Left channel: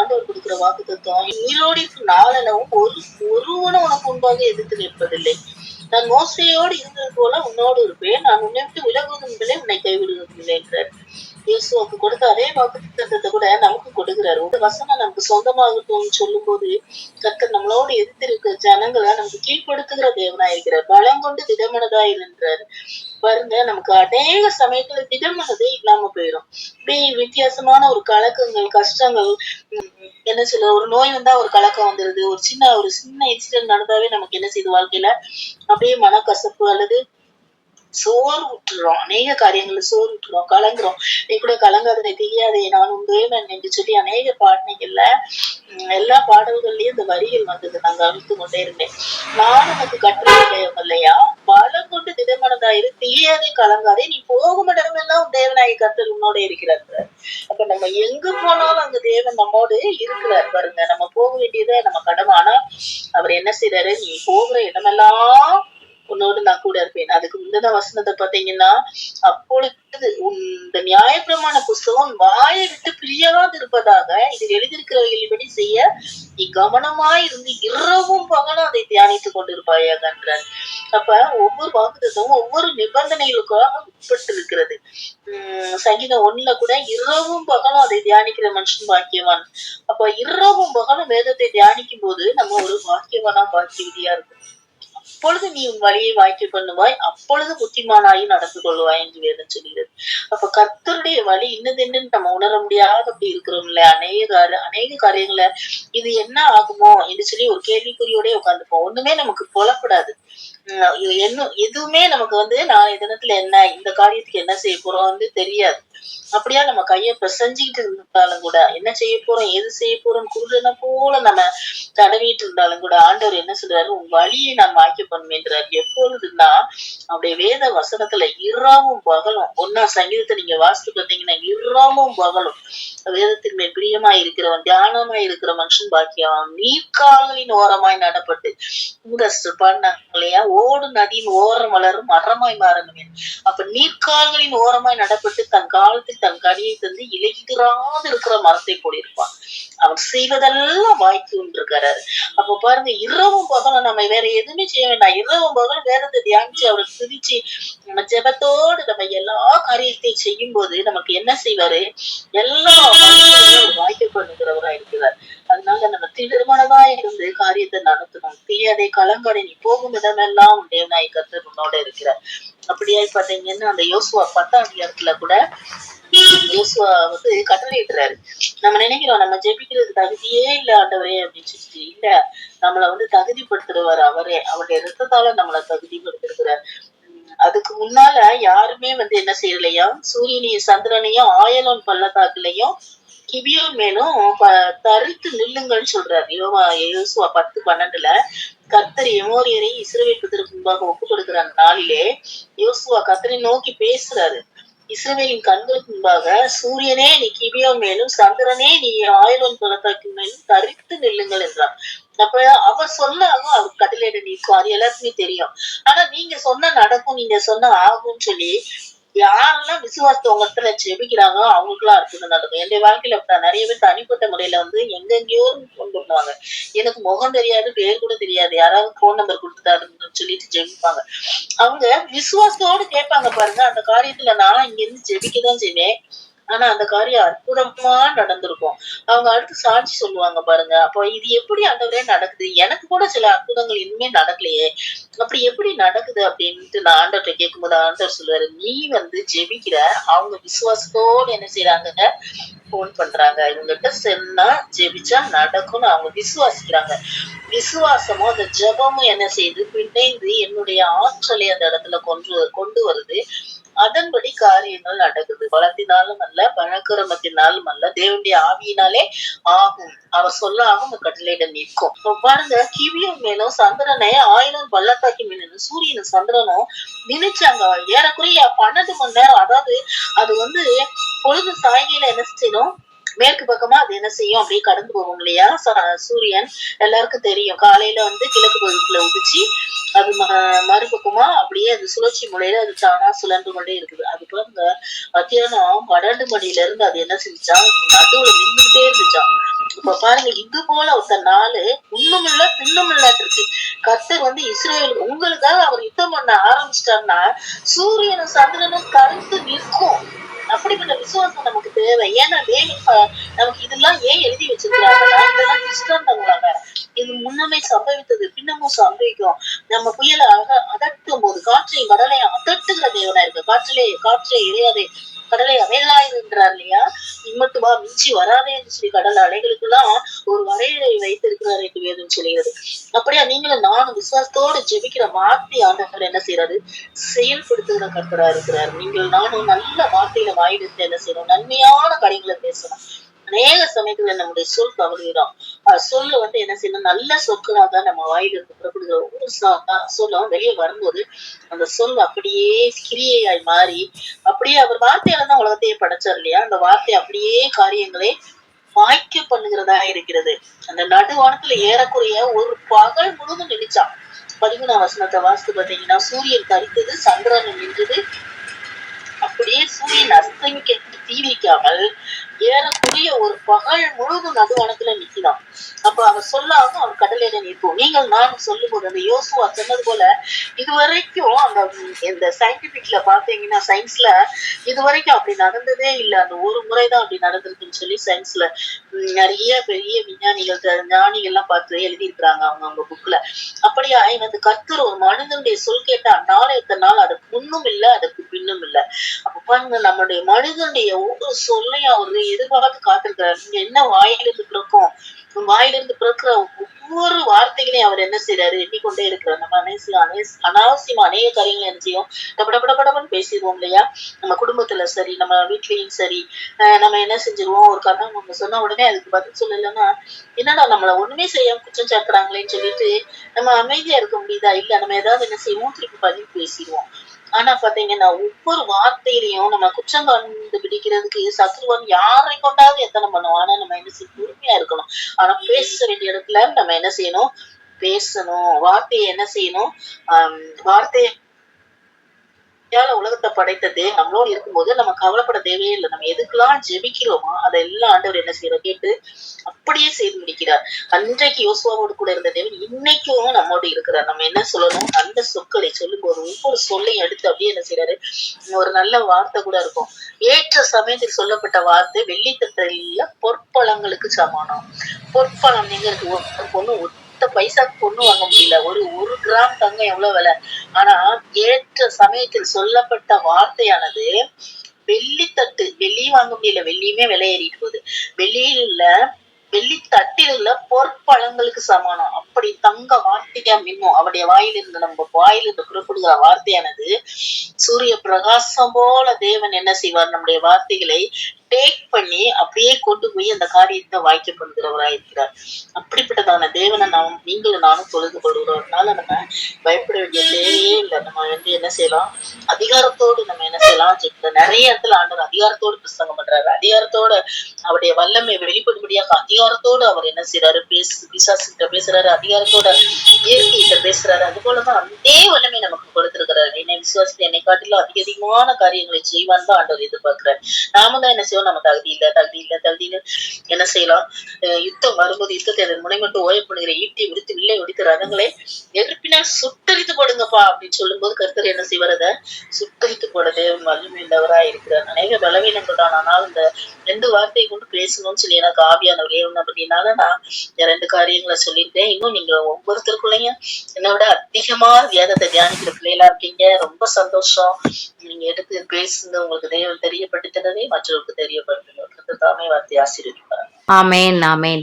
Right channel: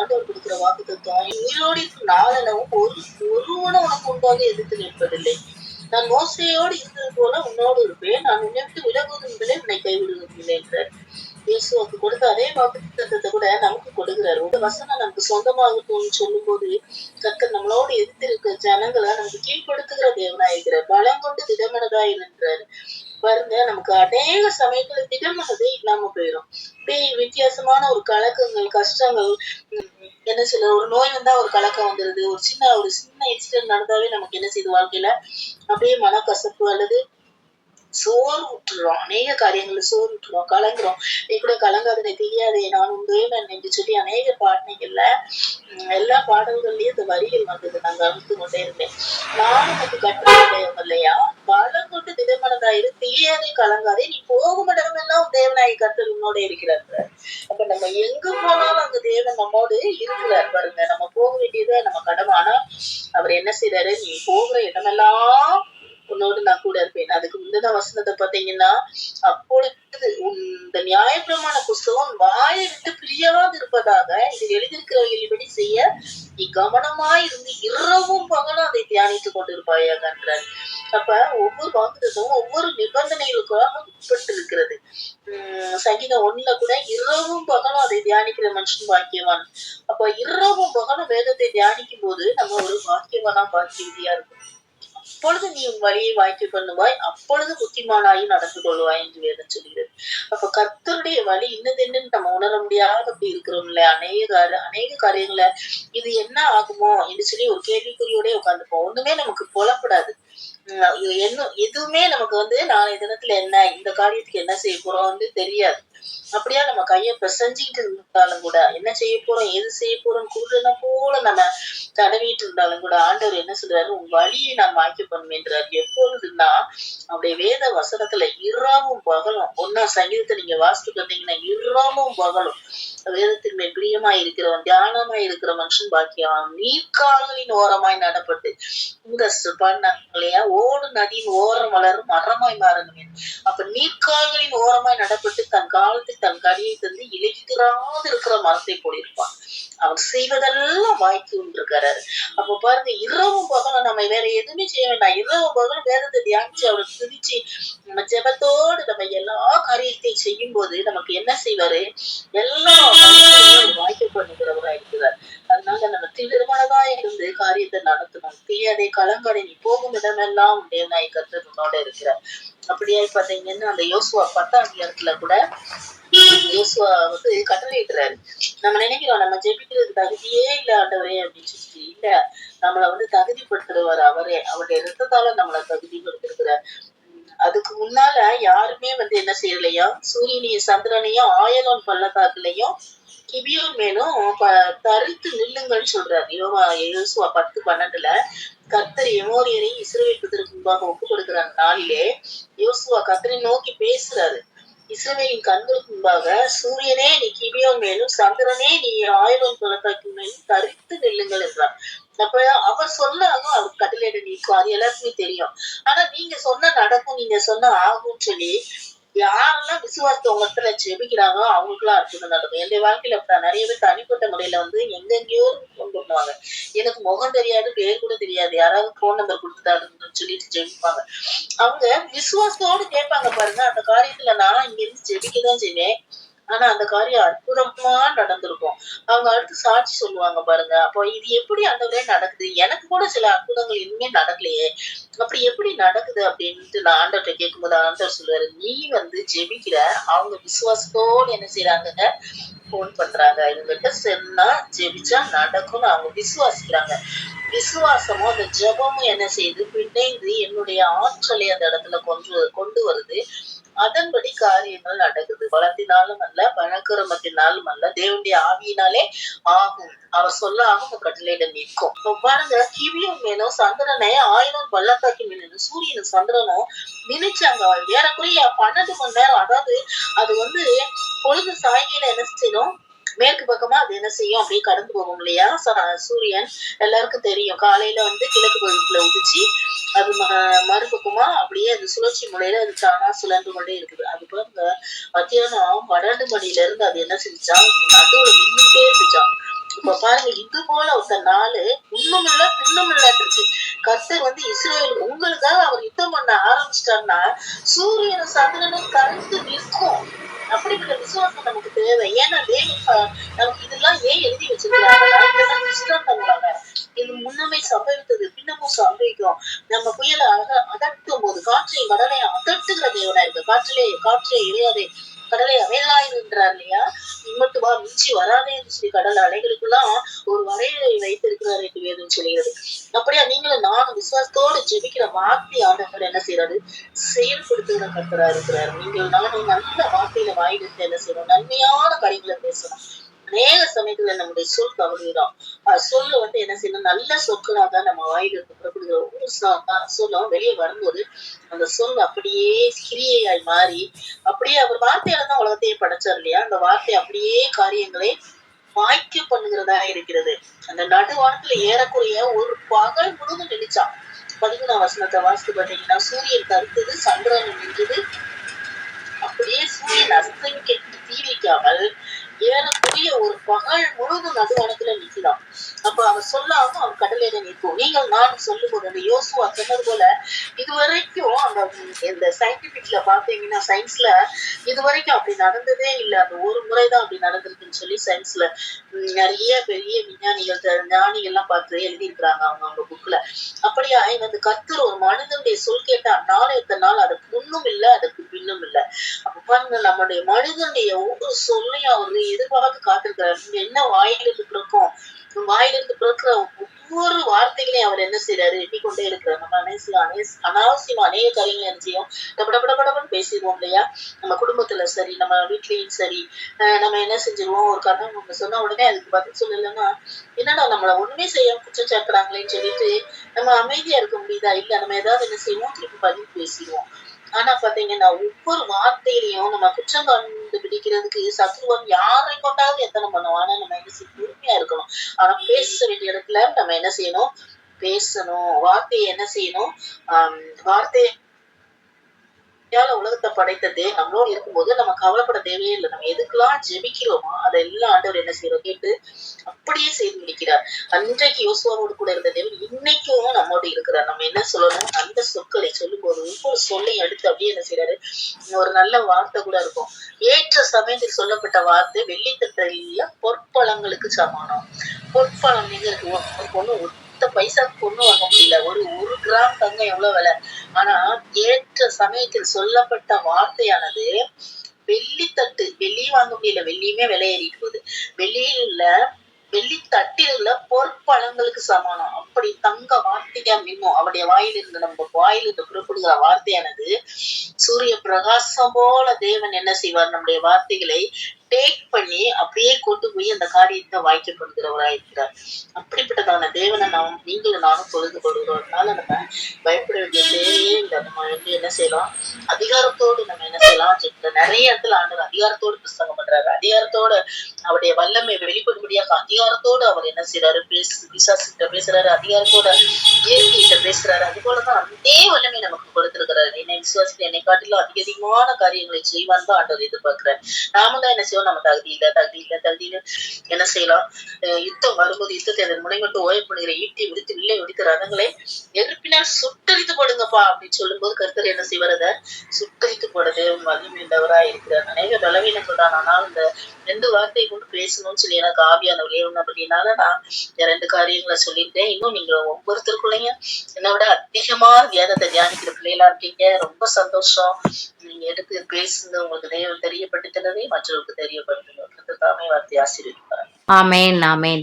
ஆண்டவர் கொடுக்கிற வாக்குத்தத்தம், உயிரோடு இருக்கும் நாளெனவும் ஒருவனும் உனக்கு முன்பாக எதிர்த்து நிற்பதில்லை. நான் மோசையோடு இருந்தது போல உன்னோடு இருப்பேன். நான் உன்னை விட்டு விலகுவதும் இல்லை, உன்னை கைவிடுவதும் இல்லை என்றார். இயேசுவுக்கு கொடுத்த அதே வாக்குத்தத்தத்தை கூட நமக்கு கொடுக்கிறாரு. ஒரு வசனம் நமக்கு சொந்தமாகட்டும் சொல்லும் போது கர்த்தர் நம்மளோடு எதிர்த்திருக்க ஜனங்களை நமக்கு கீழ்ப்படுத்துகிற தேவனாயிருக்கிறார். பலம் கொண்டு திடமனதாயிருக்கிறார். பாருங்க, நமக்கு அநேக சமயத்துல திடமனதே இல்லாம போயிடும். அப்படியே வித்தியாசமான ஒரு கலக்கங்கள், கஷ்டங்கள், என்ன சொல்ல, ஒரு நோய் வந்தா ஒரு கலக்கம் வந்துருது. ஒரு சின்ன இன்சிடென்ட் நடந்தாவே நமக்கு என்ன செய்யுது, வாழ்க்கையில அப்படியே மனக்கசப்பு அல்லது சோறு விட்டுறோம். அநேக காரியங்கள்ல சோறு விட்டுறோம், கலங்குறோம். நீ கூட கலங்காதனை தெரியாதே, நான் உன் தேவன் என்று சொல்லி அநேக பாடல்கள்ல எல்லா பாடல்கள்லயும் இந்த வரிகள் வந்தது. நான் கவனித்து கொண்டே இருந்தேன். நான் உனக்கு கட்டளையிட்டேன் இல்லையா, பலம் கொண்டு திடமனதாயிரு, தெரியாதே, கலங்காதே, நீ போகும் இடமெல்லாம் உன் தேவனாய் கர்த்தர் உன்னோட இருக்கிறார். அப்ப நம்ம எங்க போனாலும் அந்த தேவன் நம்மோடு இருக்கிறார். பாருங்க, நம்ம போக வேண்டியதை நம்ம கடமை. ஆனா அவர் என்ன செய்யறாரு, நீ போகிற இடமெல்லாம் உன்னோடு நான் கூட இருப்பேன். அதுக்கு முந்தின வசனத்தை பாத்தீங்கன்னா, அப்பொழுது இந்த நியாயப்பிரமாண புஸ்தகம் வாயை விட்டு பிரியாது இருப்பதாக இதில் எழுதியிருக்கிறவர்களின்படி செய்ய நீ கவனமாய் இருந்து இரவும் பகலும் அதை தியானித்துக் கொண்டிருப்பாயாக என்றார். அப்ப ஒவ்வொரு வாக்குத்தத்தமும் ஒவ்வொரு நிபந்தனைகளுக்காக உட்பட்டு இருக்கிறது. சங்கீதம் 1 கூட இரவும் பகலும் அதை தியானிக்கிற மனுஷன் பாக்கியவான். அப்ப இரவும் பகலும் வேதத்தை தியானிக்கும் போது நம்ம ஒரு பாக்கியவானா பாக்கியவதியா இருக்கும். அப்பொழுது நீ உன் வழியை வாய்க்க பண்ணுவாய், அப்பொழுது புத்திமானாயும் நடந்து கொள்வாய் என்று வேதம் சொல்கிறது. அப்ப கர்த்தருடைய வழி இன்னது என்னன்னு நம்ம உணர முடியாத அப்படி இருக்கிறோம்ல, அநேக காரியங்கள இது என்ன ஆகுமோ என்று சொல்லி ஒரு கேள்விக்குறியோட உட்காந்துப்போம். ஒண்ணுமே நமக்கு புலப்படாது. எதுவுமே நமக்கு நாளைய தினத்துல என்ன, இந்த காரியத்துக்கு என்ன செய்ய போறோம் தெரியாது. அப்படியா நம்ம கைய பிசைஞ்சிட்டு இருந்தாலும் கூட, என்ன செய்ய போறோம், எது செய்ய போறோம் குருடனை போல நம்ம தடவிட்டு இருந்தாலும் கூட, ஆண்டவர் என்ன சொல்றாரு, உன் வழியை நான் வாய்க்க பண்ணுவேன்றாரு. எப்பொழுதுன்னா அப்படியே வேத வசனத்துல இரவும் பகலும், 1ஆம் சங்கீதத்தை நீங்க வாசித்து பார்த்தீங்கன்னா, இரவும் பகலும் வேதத்தின் மேல் பிரியமாய் இருக்கிறவன், தியானமாய் இருக்கிற மனுஷன் பாக்கியவான். நீர்க்கால்களின் ஓரமாய் நடப்பட்டு பண்ணலையா, ஓடு நதியின் ஓரம் வளரும் மரமாய் மாறணுமே. அப்ப நீர்க்கால்களின் ஓரமாய் நடப்பட்டு தன் காலத்தில் தன் கனியை தந்து இலையுதிராது இருக்கிற மரத்தை போலிருப்பான். அவர் செய்வதெல்லாம் வாய்க்குன்னு இருக்காரு. அப்ப பாருங்க, இரவும் பகலும் நம்ம வேற எதுவுமே செய்ய வேண்டாம். இரவும் பகலும் வேதத்தை தியானிச்சு அவருக்கு துதிச்சு நம்ம ஜெபத்தோடு நம்ம எல்லா காரியத்தையும் செய்யும் போது நமக்கு என்ன செய்வாரு, எல்லா வாய்க்க பண்ணுகிறவரா இருக்கிறார். அதனால நம்ம திருமணதா இருந்து காரியத்தை நடத்தணும். தீயதை கலங்காடை, நீ போகும் இடமெல்லாம் தேவனாய் கர்த்தர் உன்னோட இருக்கிறார். அப்படியே பாத்தீங்கன்னா அந்த யோசுவா 10ஆம் அதிகாரத்துல கூட யோசுவா கட்டளையிடுறாரு. நம்ம நினைக்கிறோம் நம்ம ஜெபிக்கிறது தகுதியே இல்ல ஆண்டவரே அப்படின்னு சொல்லி. இல்ல, நம்மள தகுதிப்படுத்துறவர் அவரே. அவருடைய ரத்தத்தால நம்மளை தகுதிப்படுத்திருக்கிறார். அதுக்கு முன்னால யாருமே என்ன செய்யலையா, சூரியனையும் சந்திரனையும் ஆயலோன் பள்ளத்தாக்குலையும் கிபியோன் மேலும் தரித்து நில்லுங்கள்னு சொல்றாரு. யோசுவா 10:12 கர்த்தர் எமோரியரை இஸ்ரவேல் புத்திரருக்கு முன்பாக ஒப்பு கொடுக்கிற நாளிலே யோசுவா கர்த்தரை நோக்கி பேசுறாரு. இஸ்ரவேலின் கண்களுக்கு முன்பாக, சூரியனே நீ கிபியோன் மேலும், சந்திரனே நீ ஆயலோன் பள்ளத்தாக்கு மேலும் தரித்து நில்லுங்கள் என்றார். அப்ப அவர் சொன்னாங்க, அவர் கட்டளையிட நிற்கும். அது எல்லாருக்குமே தெரியும். ஆனா நீங்க சொன்ன நடக்கும், நீங்க சொன்ன ஆகும்னு சொல்லி யாரெல்லாம் விசுவாசத்தை உங்க இடத்துல ஜெபிக்கிறாங்களோ அவங்களுக்கு எல்லாம் அற்புதம் நடக்கும். என்னுடைய வாழ்க்கையில அப்படிதான் நிறைய பேர் தனிப்பட்ட முறையில எங்கெங்கயோ கொண்டு பண்ணுவாங்க. எனக்கு முகம் தெரியாது, பேர் கூட தெரியாது, யாராவது போன் நம்பர் கொடுத்துட்டாருன்னு சொல்லிட்டு ஜெபிப்பாங்க. அவங்க விசுவாசத்தோடு கேட்பாங்க பாருங்க. அந்த காரியத்துல நான் இங்க இருந்து ஜெபிக்கதான் செய்வேன். ஆனா அந்த காரியம் அற்புதமா நடந்திருக்கும். அவங்க அடுத்து சாட்சி சொல்லுவாங்க பாருங்க. அப்போ இது எப்படி ஆண்டவரே நடக்குது, எனக்கு கூட சில அற்புதங்கள் இன்னுமே நடக்கலையே, அப்படி எப்படி நடக்குது அப்படின்ட்டு நான் ஆண்டவர்கிட்ட கேட்கும்போது ஆண்டவர் சொல்லுவாரு, நீ ஜெபிக்கிற, அவங்க விசுவாசத்தோடு என்ன செய்யறாங்க, போன் பண்றாங்க. இவங்கிட்ட சொன்னா ஜெபிச்சா நடக்கும்னு அவங்க விசுவாசிக்கிறாங்க. விசுவாசமும் அந்த ஜெபமும் என்ன செய்யுது, பிணைந்து என்னுடைய ஆற்றலை அந்த இடத்துல கொண்டு வருது. அதன்படி காரியங்கள் நடக்குது. பலத்தினாலும் அல்ல, பழக்கிரமத்தினாலும் அல்ல, தேவனுடைய ஆவியினாலே ஆகும். அவர் சொல்ல ஆகும், கட்டளையிட நிற்கும். பாருங்க, கிவியும் மேலும் சந்திரனை ஆயிரம் பள்ளத்தாக்கி மீன் சூரியனும் சந்திரனும் நினைச்சாங்க. ஏறக்குறைய 12 மணி நேரம். அதாவது அது பொழுது சாய்கையில என்ன செய்யணும், மேற்கு பக்கமா அது என்ன செய்யும், அப்படியே கடந்து போகும் இல்லையா சூரியன். எல்லாருக்கும் தெரியும், காலையில கிழக்கு பகுதியில உதிச்சு அது மறுபக்கமா அப்படியே அது சுழற்சி முறையில அது தானா சுழன்று கொண்டே இருக்குது. அது பாருங்க, மத்தியானம் 12 மணில இருந்து அது என்ன செஞ்சுச்சான், நடுவுல நின்றுட்டே இருந்துச்சான். இப்ப பாருங்க, இது போல ஒருத்த நாளு இன்னும் இல்ல பின்னும் இல்லாட்டு இருக்கு. கர்த்தர் இஸ்ரேல் உங்களுக்காக அவர் யுத்தம் பண்ண ஆரம்பிச்சிட்டாருன்னா சூரியனும் சந்திரனும் கருத்து நிற்கும். அப்படிப்பட்ட விசுவாசம் நமக்கு தேவை. ஏன்னா நமக்கு இதெல்லாம் ஏன் எழுதி வச்சிருக்கிறாங்கன்னா இதெல்லாம் திருஷ்டாந்தங்களாக இது முன்னமே சம்பவித்தது பின்னமும் சம்பவிக்கும். நம்ம புயலை அதட்டும் போது காற்றையும் கடலையும் அதட்டுகிற தேவனா இருக்கு. காற்றிலே இறையாதே கடலை அவைகளாயிருன்றார் இல்லையா, இம்மட்டு வா மிஞ்சி வராதே என்று சொல்லி கடல் அலைகளுக்கெல்லாம் ஒரு வரையறை வைத்திருக்கிறார் என்று வேதம் சொல்கிறது. அப்படியா நீங்களும் நானும் விசுவாசத்தோடு ஜெபிக்கிற வார்த்தை ஆண்டவர் என்ன செய்யறாரு, செயல்படுத்துகிற கர்த்தரா இருக்கிறார். நீங்கள் நானும் நல்ல வார்த்தையில வாயிலிருந்து என்ன செய்யணும், நன்மையான காரியங்களை பேசணும். அநேக சமயத்துல நம்முடைய சொல் தவறுகிறோம். சொல்லு என்ன செய்யணும், நல்ல சொற்களாக நம்ம வாயிலிருந்து புறப்படுகிற ஒவ்வொரு சொல்லும் வெளியே வரும்போது அந்த சொல் அப்படியே கிரியையாய் மாறி அப்படியே அவர் வார்த்தையால தான் உலகத்தையே படைச்சார் இல்லையா, அந்த வார்த்தை அப்படியே காரியங்களை வாய்க்க பண்ணுகிறதா இருக்கிறது. அந்த நடுவானத்துல ஏறக்குறைய ஒரு பகல் முழுவதும் நினைச்சான். 13ஆம் வசனத்தை வாசித்து பாத்தீங்கன்னா, சூரியன் தரித்தது, சந்திரன் நின்றது, அப்படியே சூரியன் அஸ்தமிக்க தீ வைக்காமல் ஏறக்குறைய ஒரு பகல் முழுவதும் நடுவானத்துல நிக்கலாம். அப்ப அவர் சொல்லாம அவர் கடலையில நிற்கும். நீங்கள் நானும் சொல்லும் போது அந்த யோசுவா சொன்னது போல இதுவரைக்கும் அந்த இந்த சயின்டிபிக்ல பாத்தீங்கன்னா சயின்ஸ்ல இதுவரைக்கும் அப்படி நடந்ததே இல்லை. அந்த ஒரு முறைதான் அப்படி நடந்திருக்குன்னு சொல்லி சயின்ஸ்ல நிறைய பெரிய விஞ்ஞானிகள் ஞானிகள்லாம் பார்த்து எழுதியிருக்கிறாங்க அவங்க புக்ல. அப்படியா கர்த்தர் ஒரு மனிதனுடைய சொல் கேட்டா நாளைய நாள் அதுக்கு முன்னும் இல்லை அதுக்கு பின்னும் இல்லை. அப்ப பாருங்க, நம்முடைய மனிதனுடைய ஒவ்வொரு சொல்லையும் அவரு எதிர்பார்த்து காத்திருக்கிறார். என்ன வாயிலிருந்து பிறக்கும், வாயிலிருந்து பிறக்கிற ஒவ்வொரு வார்த்தைகளையும் அவர் என்ன செய்யறாரு, எண்ணிக்கொண்டே இருக்கிறார். நம்ம அனாவசியமா அநேக காரியங்களை என்ன செய்யும், டபடபடபடன்னு பேசிடுவோம் இல்லையா. நம்ம குடும்பத்துல சரி, நம்ம வீட்லயும் சரி, நம்ம என்ன செஞ்சிருவோம், ஒரு கண்ணம் நம்ம சொன்ன உடனே அதுக்கு பதில் சொல்லலைன்னா என்னடா நம்மள ஒண்ணுமே செய்யாம குற்றம் சாட்டுறாங்களேன்னு சொல்லிட்டு நம்ம அமைதியா இருக்க முடியுதா, இல்ல நம்ம ஏதாவது என்ன செய்வோம், திருப்பி பதில் பேசிடுவோம். ஆனா பாத்தீங்கன்னா ஒவ்வொரு வார்த்தையிலையும் நம்ம குற்றம் கண்டுபிடிக்கிறதுக்கு சத்ருவன் யாரை கொண்டாவது எத்தனை பண்ணுவோம். ஆனா நம்ம என்ன செய்ய பொறுமையா இருக்கணும். ஆனா பேச வேண்டிய இடத்துல நம்ம என்ன செய்யணும், பேசணும். வார்த்தையை என்ன செய்யணும், வார்த்தையை உலகத்தை படைத்ததே நம்மளோட இருக்கும்போது நம்ம கவலைப்பட தேவையே இல்லை. நம்ம எதுக்கெல்லாம் ஜெபிக்கிறோமோ அதெல்லாம் ஆண்டவர் என்ன செய்யறோம் கேட்டு அப்படியே செய்து முடிக்கிறார். அன்றைக்கு யோசுவாவோடு கூட இருந்த தேவன் இன்னைக்கும் நம்மோடு இருக்கிறார். நம்ம என்ன சொல்லணும், அந்த சொற்களை சொல்லும் போது ஒவ்வொரு சொல்லையும் எடுத்து அப்படியே என்ன செய்யறாரு, ஒரு நல்ல வார்த்தை கூட இருக்கும். ஏற்ற சமயத்தில் சொல்லப்பட்ட வார்த்தை வெள்ளித்தட்டில பொற்பழங்களுக்கு சமானம். பொற்பழம் நீங்க ஒரு பொண்ணு பைசாக்கு பொண்ணு வாங்க முடியல. ஒரு கிராம் தங்கம் எவ்வளவு விலை. ஆனா ஏற்ற சமயத்தில் சொல்லப்பட்ட வார்த்தையானது வெள்ளித்தட்டு, வெள்ளியும் வாங்க முடியல, வெள்ளியுமே விலை ஏறிட்டு போகுது. வெள்ளியில வெள்ளி தட்டில் உள்ள பொற்பழங்களுக்கு சமானம். அப்படி தங்க வார்த்தையா மின்னும். அவருடைய வாயிலிருந்து நம்ம வாயிலிருந்து புறப்படுகிற வார்த்தையானது சூரிய பிரகாசம் போல தேவன் என்ன செய்வார், நம்முடைய வார்த்தைகளை டேக் பண்ணி அப்படியே கொண்டு போய் அந்த காரியத்தை வாய்க்க கொள்கிறவராக இருக்கிறார். அப்படிப்பட்டதான தேவனை நீங்களும் நானும் தொழுது கொள்கிறோம்னால நம்ம பயப்பட வேண்டிய தேவையே இல்லை. நம்ம என்ன செய்யலாம், அதிகாரத்தோடு நம்ம என்ன செய்யலாம், நிறைய இடத்துல ஆண்டவர் அதிகாரத்தோடு பிரசங்கம் பண்றாரு. அதிகாரத்தோட அவருடைய வல்லமை வெளிப்படும்படியாக அதிகாரத்தோடு அவர் என்ன செய்யறாரு, பிசாசுகிட்ட பேசுறாரு, அதிகாரத்தோட இயற்கைகிட்ட பேசுறாரு. அது போலதான் அதே வல்லமை நமக்கு கொடுத்திருக்கிறாரு. என்னை விசுவாசித்து என்னை காட்டிலும் அதிகமான காரியங்களை செய்வான் தான் ஆண்டவர் எதிர்பார்க்கிறார். நாம தான் என்ன செய்வோம், நம்ம தகுதி இல்ல என்ன செய்யலாம், யுத்தம் வரும்போது யுத்தத்தை அதன் முனை மட்டும் ஓயப்படுகிற ஈட்டி விடுத்து வில்லை ஒடித்த ரதங்களை எதிர்ப்பினால் சுட்டரித்து போடுங்கப்பா அப்படின்னு சொல்லும் போது கர்த்தர் என்ன செய்வார், அதை சுட்டரித்து போடுறது வல்லமை உள்ளவரா இருக்கிறார். அநேக பலவீனங்கள் தான். ஆனால் இந்த 2 வார்த்தையை கொண்டு பேசணும்னு சொல்லி எனக்கு ஆவியானவர் ஏவணும். அப்படின்னால நான் 2 காரியங்களை சொல்லியிருக்கேன். இன்னும் நீங்க ஒவ்வொருத்தருக்குள்ளையும் என்னை விட அதிகமா வேதத்தை தியானிக்கிற பிள்ளைகளா இருக்கீங்க. ரொம்ப சந்தோஷம். நீங்க எடுத்து பேசுங்க, உங்களுக்கு தெரியப்படுத்தினதே மற்றவர்களுக்கு தெரியப்படுத்துங்க. தாமே வார்த்தை ஆசீர்வதிப்பார். ஆமேன் ஆமேன்.